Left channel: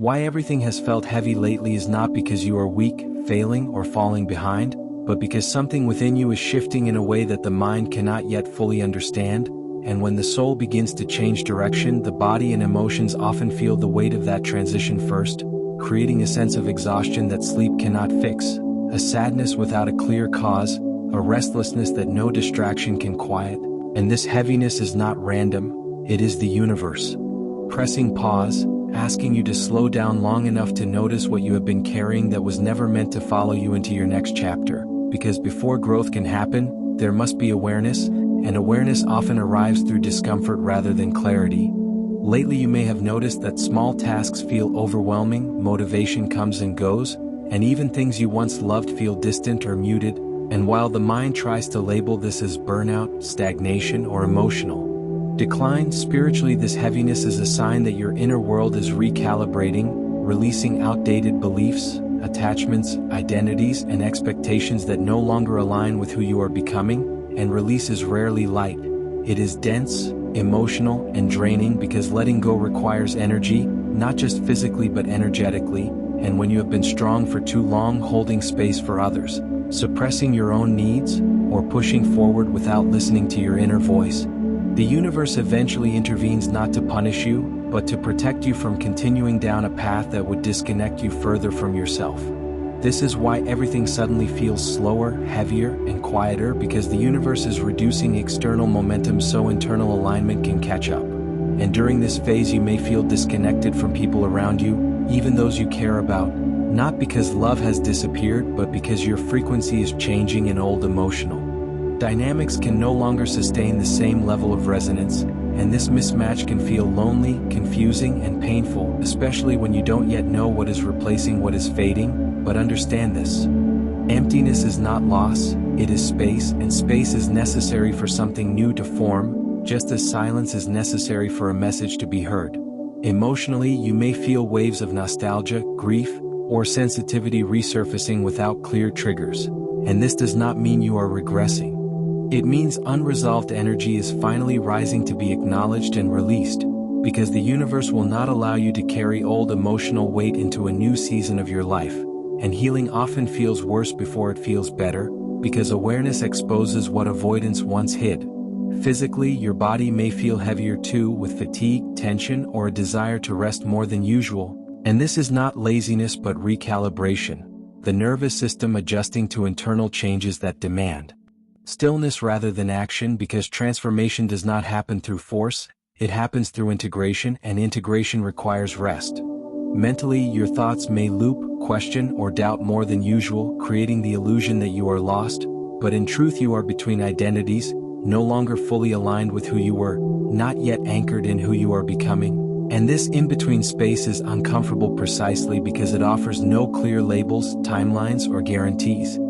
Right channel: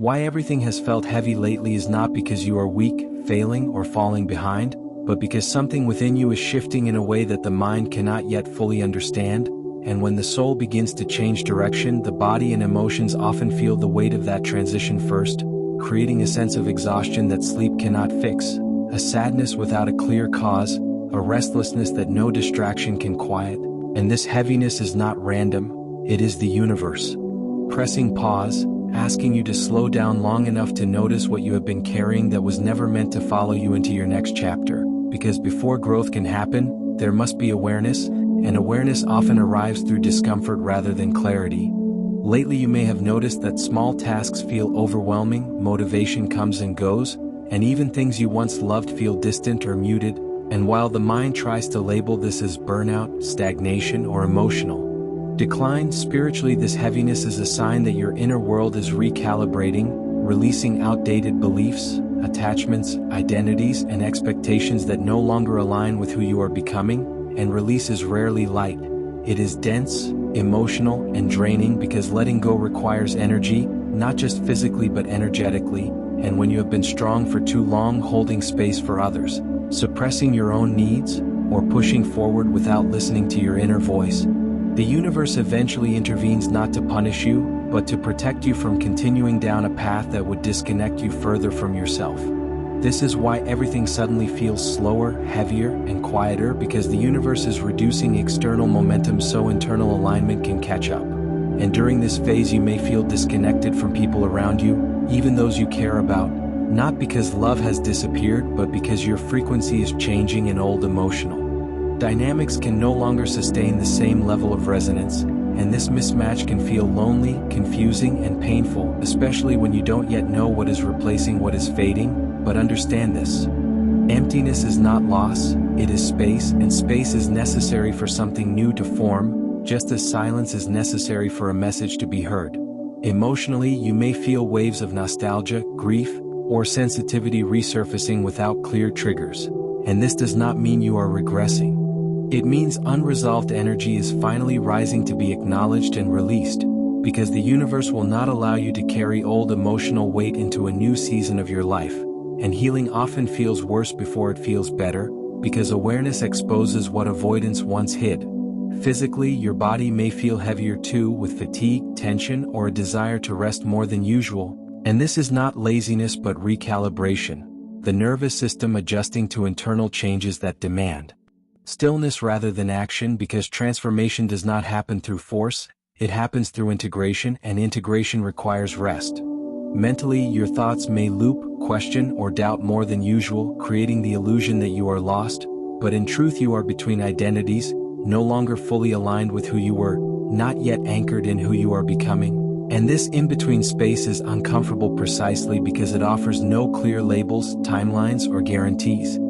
Why everything has felt heavy lately is not because you are weak, failing, or falling behind, but because something within you is shifting in a way that the mind cannot yet fully understand, and when the soul begins to change direction, the body and emotions often feel the weight of that transition first, creating a sense of exhaustion that sleep cannot fix, a sadness without a clear cause, a restlessness that no distraction can quiet, and this heaviness is not random, it is the universe. Pressing pause, asking you to slow down long enough to notice what you have been carrying that was never meant to follow you into your next chapter, because before growth can happen, there must be awareness, and awareness often arrives through discomfort rather than clarity. Lately you may have noticed that small tasks feel overwhelming, motivation comes and goes, and even things you once loved feel distant or muted, and while the mind tries to label this as burnout, stagnation, or emotional decline, spiritually this heaviness is a sign that your inner world is recalibrating, releasing outdated beliefs, attachments, identities, and expectations that no longer align with who you are becoming, and release is rarely light. It is dense, emotional, and draining because letting go requires energy, not just physically but energetically, and when you have been strong for too long holding space for others, suppressing your own needs, or pushing forward without listening to your inner voice, the universe eventually intervenes not to punish you, but to protect you from continuing down a path that would disconnect you further from yourself. This is why everything suddenly feels slower, heavier, and quieter, because the universe is reducing external momentum so internal alignment can catch up. And during this phase you may feel disconnected from people around you, even those you care about, not because love has disappeared but because your frequency is changing and old emotional dynamics can no longer sustain the same level of resonance, and this mismatch can feel lonely, confusing, and painful, especially when you don't yet know what is replacing what is fading. But understand this: emptiness is not loss, it is space, and space is necessary for something new to form, just as silence is necessary for a message to be heard. Emotionally, you may feel waves of nostalgia, grief, or sensitivity resurfacing without clear triggers, and this does not mean you are regressing. It means unresolved energy is finally rising to be acknowledged and released, because the universe will not allow you to carry old emotional weight into a new season of your life, and healing often feels worse before it feels better, because awareness exposes what avoidance once hid. Physically, your body may feel heavier too, with fatigue, tension, or a desire to rest more than usual, and this is not laziness but recalibration, the nervous system adjusting to internal changes that demand stillness rather than action, because transformation does not happen through force, it happens through integration, and integration requires rest. Mentally, your thoughts may loop, question, or doubt more than usual, creating the illusion that you are lost, but in truth you are between identities, no longer fully aligned with who you were, not yet anchored in who you are becoming. And this in-between space is uncomfortable precisely because it offers no clear labels, timelines, or guarantees.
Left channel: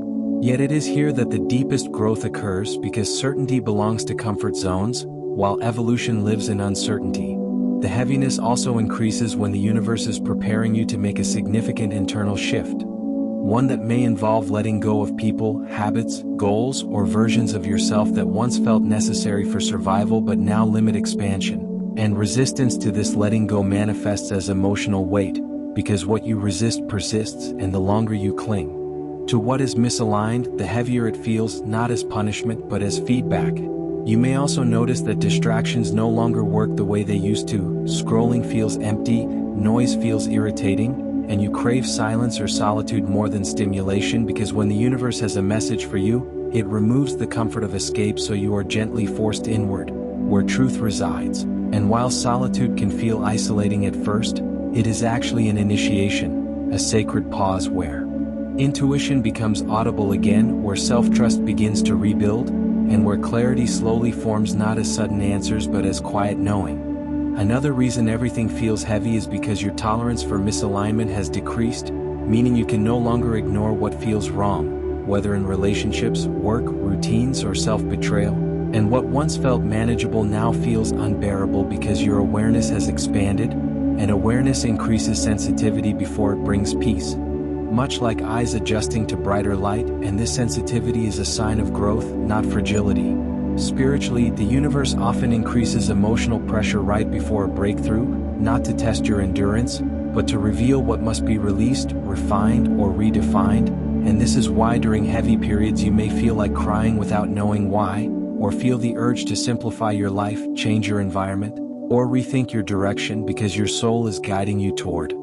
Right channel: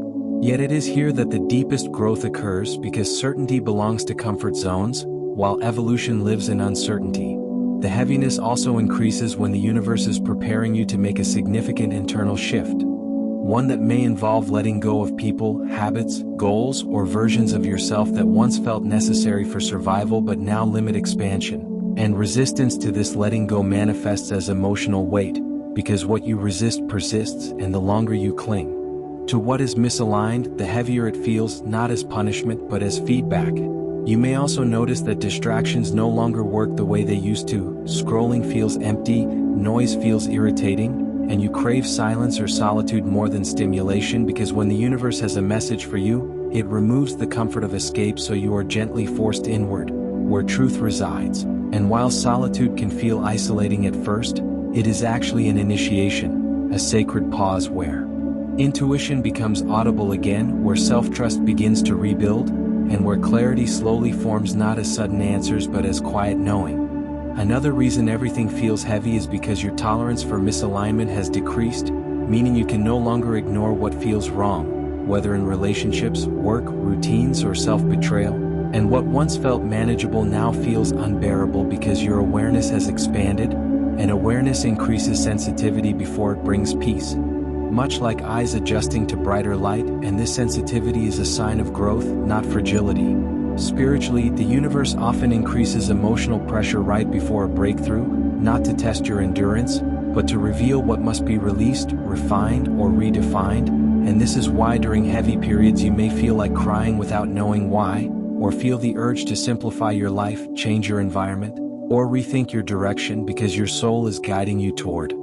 Yet it is here that the deepest growth occurs, because certainty belongs to comfort zones, while evolution lives in uncertainty. The heaviness also increases when the universe is preparing you to make a significant internal shift. One that may involve letting go of people, habits, goals, or versions of yourself that once felt necessary for survival but now limit expansion. And resistance to this letting go manifests as emotional weight, because what you resist persists, and the longer you cling to what is misaligned, the heavier it feels, not as punishment but as feedback. You may also notice that distractions no longer work the way they used to. Scrolling feels empty, noise feels irritating, and you crave silence or solitude more than stimulation, because when the universe has a message for you, it removes the comfort of escape, so you are gently forced inward, where truth resides. And while solitude can feel isolating at first, it is actually an initiation, a sacred pause where intuition becomes audible again, where self-trust begins to rebuild, and where clarity slowly forms, not as sudden answers but as quiet knowing. Another reason everything feels heavy is because your tolerance for misalignment has decreased, meaning you can no longer ignore what feels wrong, whether in relationships, work, routines, or self-betrayal. And what once felt manageable now feels unbearable, because your awareness has expanded, and awareness increases sensitivity before it brings peace. Much like eyes adjusting to brighter light, and this sensitivity is a sign of growth, not fragility. Spiritually, the universe often increases emotional pressure right before a breakthrough, not to test your endurance, but to reveal what must be released, refined, or redefined. And this is why during heavy periods you may feel like crying without knowing why, or feel the urge to simplify your life, change your environment, or rethink your direction because your soul is guiding you toward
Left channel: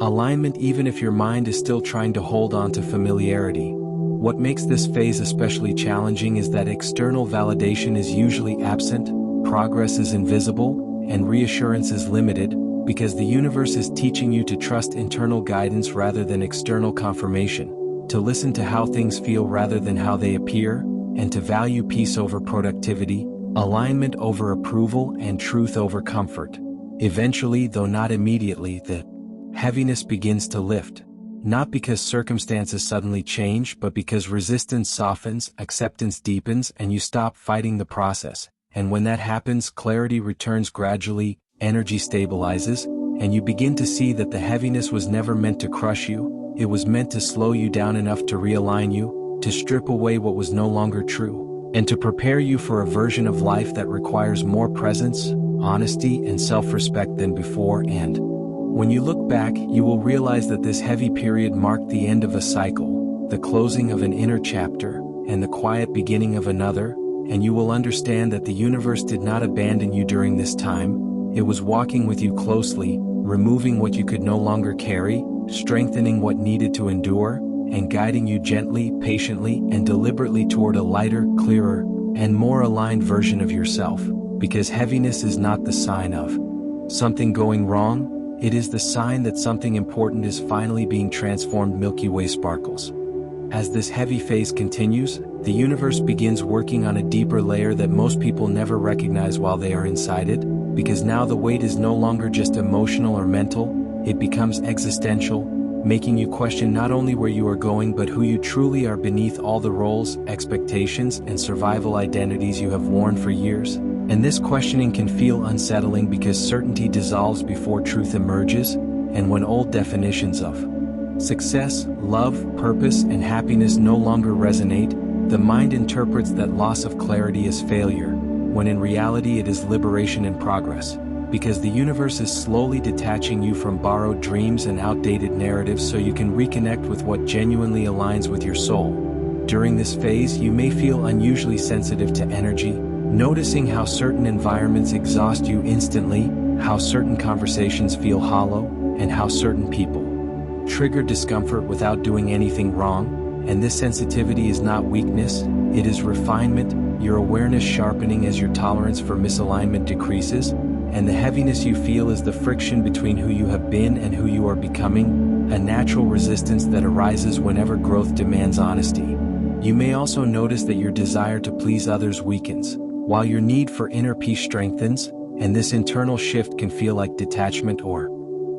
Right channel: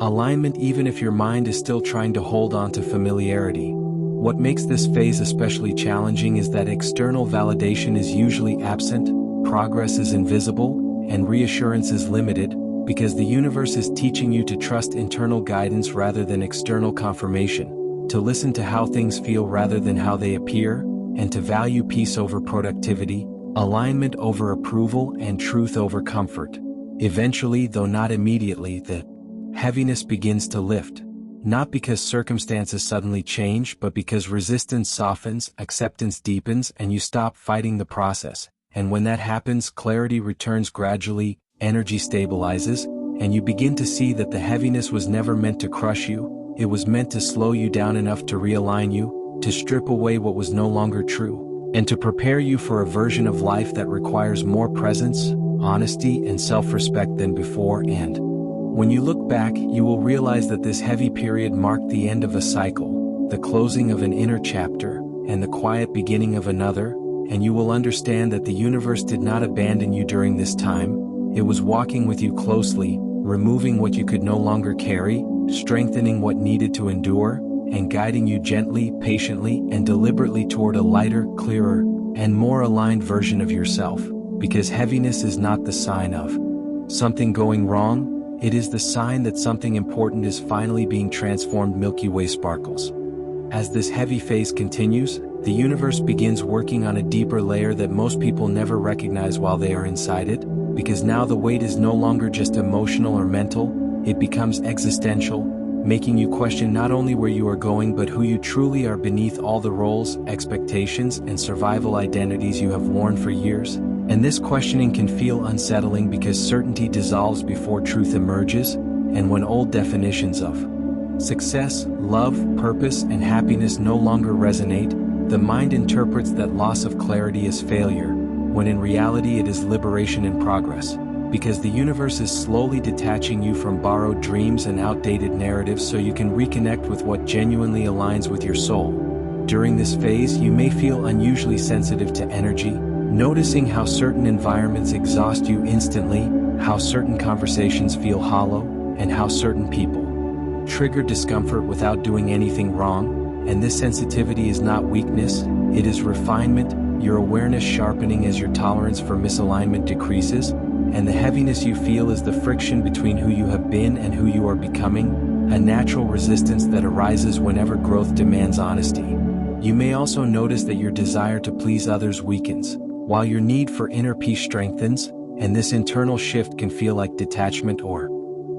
alignment even if your mind is still trying to hold on to familiarity. What makes this phase especially challenging is that external validation is usually absent, progress is invisible, and reassurance is limited, because the universe is teaching you to trust internal guidance rather than external confirmation, to listen to how things feel rather than how they appear, and to value peace over productivity, alignment over approval, and truth over comfort. Eventually, though not immediately, the heaviness begins to lift. Not because circumstances suddenly change, but because resistance softens, acceptance deepens, and you stop fighting the process. And when that happens, clarity returns gradually, energy stabilizes, and you begin to see that the heaviness was never meant to crush you, it was meant to slow you down enough to realign you, to strip away what was no longer true, and to prepare you for a version of life that requires more presence, honesty, and self-respect than before. And when you look back, you will realize that this heavy period marked the end of a cycle, the closing of an inner chapter, and the quiet beginning of another, and you will understand that the universe did not abandon you during this time. It was walking with you closely, removing what you could no longer carry, strengthening what needed to endure, and guiding you gently, patiently, and deliberately toward a lighter, clearer, and more aligned version of yourself. Because heaviness is not the sign of something going wrong, it is the sign that something important is finally being transformed. Milky Way sparkles. As this heavy phase continues, the universe begins working on a deeper layer that most people never recognize while they are inside it, because now the weight is no longer just emotional or mental, it becomes existential, making you question not only where you are going but who you truly are beneath all the roles, expectations, and survival identities you have worn for years. And this questioning can feel unsettling because certainty dissolves before truth emerges, and when old definitions of success, love, purpose, and happiness no longer resonate, the mind interprets that loss of clarity as failure, when in reality it is liberation in progress, because the universe is slowly detaching you from borrowed dreams and outdated narratives so you can reconnect with what genuinely aligns with your soul. During this phase, you may feel unusually sensitive to energy, noticing how certain environments exhaust you instantly, how certain conversations feel hollow, and how certain people trigger discomfort without doing anything wrong. And this sensitivity is not weakness, it is refinement, your awareness sharpening as your tolerance for misalignment decreases, and the heaviness you feel is the friction between who you have been and who you are becoming, a natural resistance that arises whenever growth demands honesty. You may also notice that your desire to please others weakens, while your need for inner peace strengthens, and this internal shift can feel like detachment or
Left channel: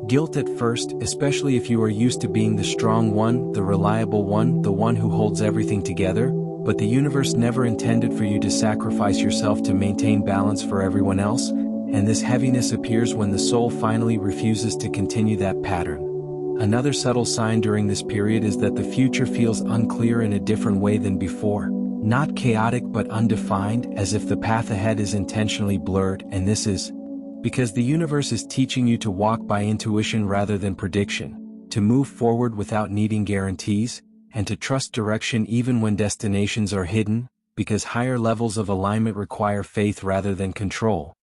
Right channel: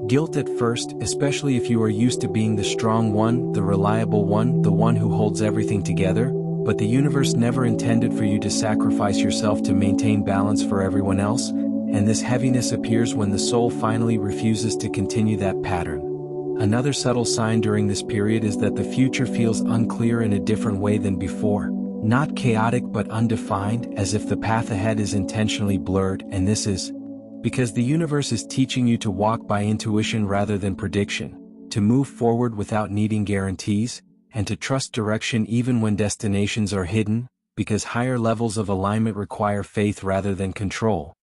guilt at first, especially if you are used to being the strong one, the reliable one, the one who holds everything together. But the universe never intended for you to sacrifice yourself to maintain balance for everyone else, and this heaviness appears when the soul finally refuses to continue that pattern. Another subtle sign during this period is that the future feels unclear in a different way than before. Not chaotic but undefined, as if the path ahead is intentionally blurred, and this is because the universe is teaching you to walk by intuition rather than prediction, to move forward without needing guarantees, and to trust direction even when destinations are hidden, because higher levels of alignment require faith rather than control.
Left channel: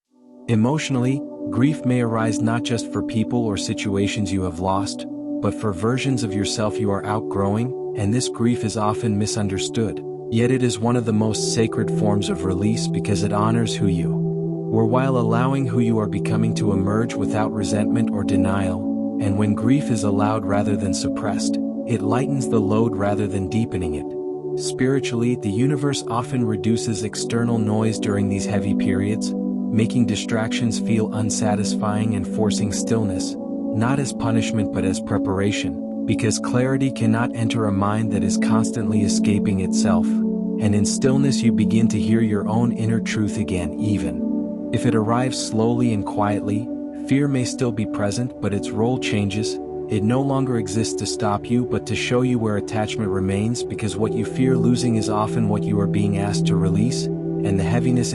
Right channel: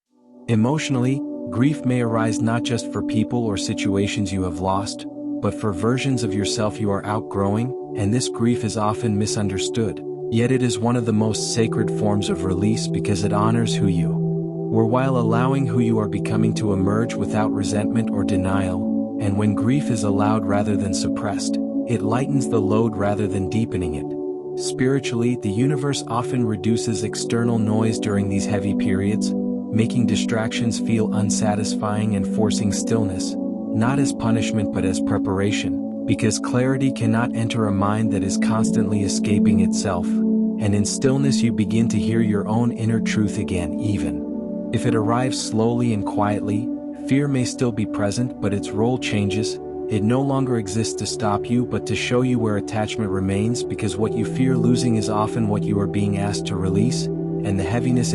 Emotionally, grief may arise not just for people or situations you have lost, but for versions of yourself you are outgrowing, and this grief is often misunderstood. Yet it is one of the most sacred forms of release because it honors who you were while allowing who you are becoming to emerge without resentment or denial. And when grief is allowed rather than suppressed, it lightens the load rather than deepening it. Spiritually, the universe often reduces external noise during these heavy periods, making distractions feel unsatisfying and forcing stillness, not as punishment but as preparation. Because clarity cannot enter a mind that is constantly escaping itself, and in stillness you begin to hear your own inner truth again. Even if it arrives slowly and quietly, fear may still be present, but its role changes. It no longer exists to stop you but to show you where attachment remains, because what you fear losing is often what you are being asked to release, and the heaviness